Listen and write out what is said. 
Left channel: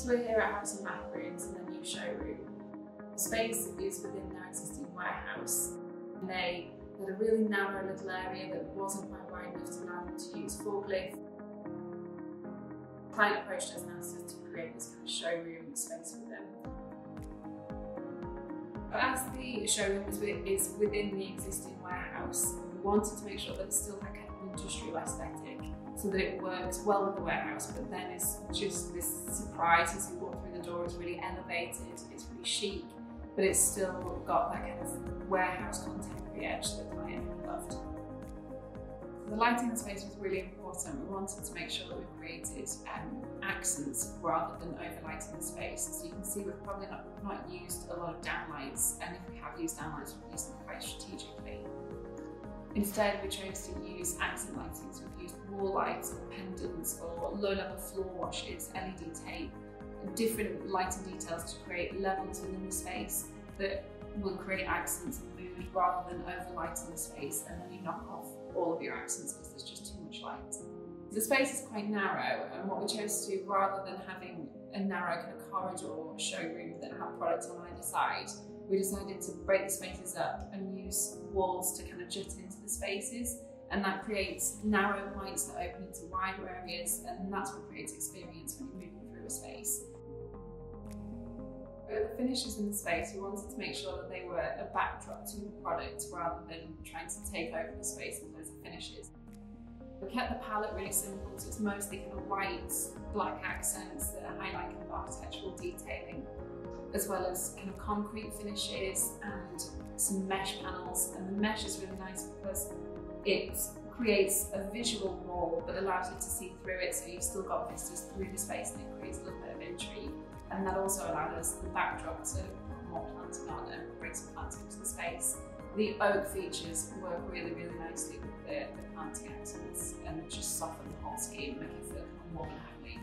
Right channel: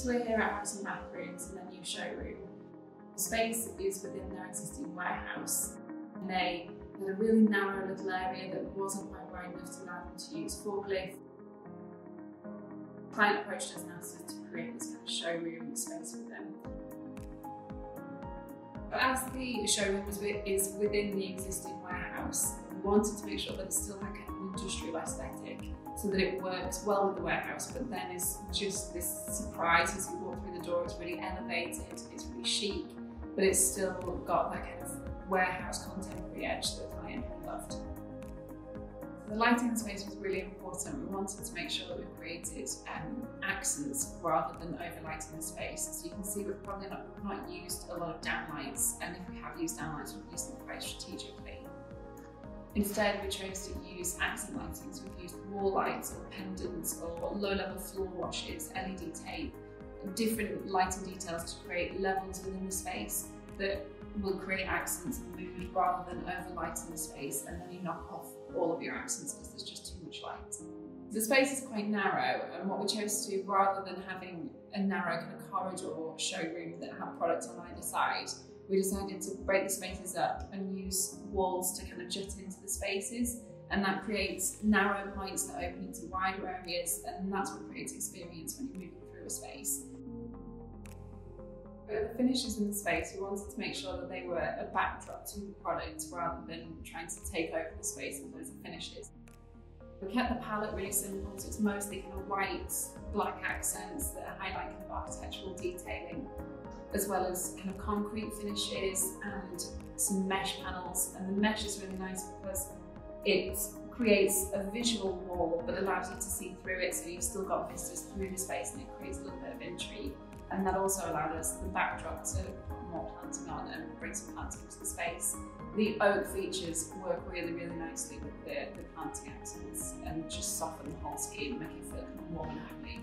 So we're here at House and Bathrooms in their new showroom. The space is within their existing warehouse. And they had a really narrow little area that wasn't quite wide enough to allow them to use forklift. The client approached us and asked us to create this kind of showroom space with them. But as the showroom is within the existing warehouse, we wanted to make sure that it still had kind of an industrial aesthetic, so that it works well with the warehouse, but then it's just this surprise as you walk through the door. It's really elevated, it's really chic, but it's still got that kind of warehouse contemporary edge that the client really loved. The lighting in the space was really important. We wanted to make sure that we created accents rather than overlighting the space. So you can see we've probably not used a lot of downlights, and if we have used downlights, we've used them quite strategically. Instead, we chose to use accent lighting, so we've used wall lights or pendants or low-level floor washes, LED tape, different lighting details to create levels within the space that will create accents and mood rather than overlighting the space, and then you knock off all of your accents because there's just too much light. The space is quite narrow, and what we chose to do, rather than having a narrow kind of corridor showroom that had products on either side, we decided to break the spaces up and use walls to kind of jut into the spaces, and that creates narrow points that open into wider areas, and that's what creates experience when you're moving through a space. But the finishes in the space, we wanted to make sure that they were a backdrop to the product rather than trying to take over the space with loads of finishes. We kept the palette really simple, so it's mostly kind of white, black accents that highlight kind of architectural detailing, as well as kind of concrete finishes and some mesh panels. And the mesh is really nice because it creates a visual wall but allows you to see through it, so you've still got vistas through the space, and it creates a little bit of intrigue. And that also allowed us the backdrop to put more planting on and bring some planting into the space. The oak features work really, really nicely with the planting accents and just soften the whole scheme, make it feel more than homely.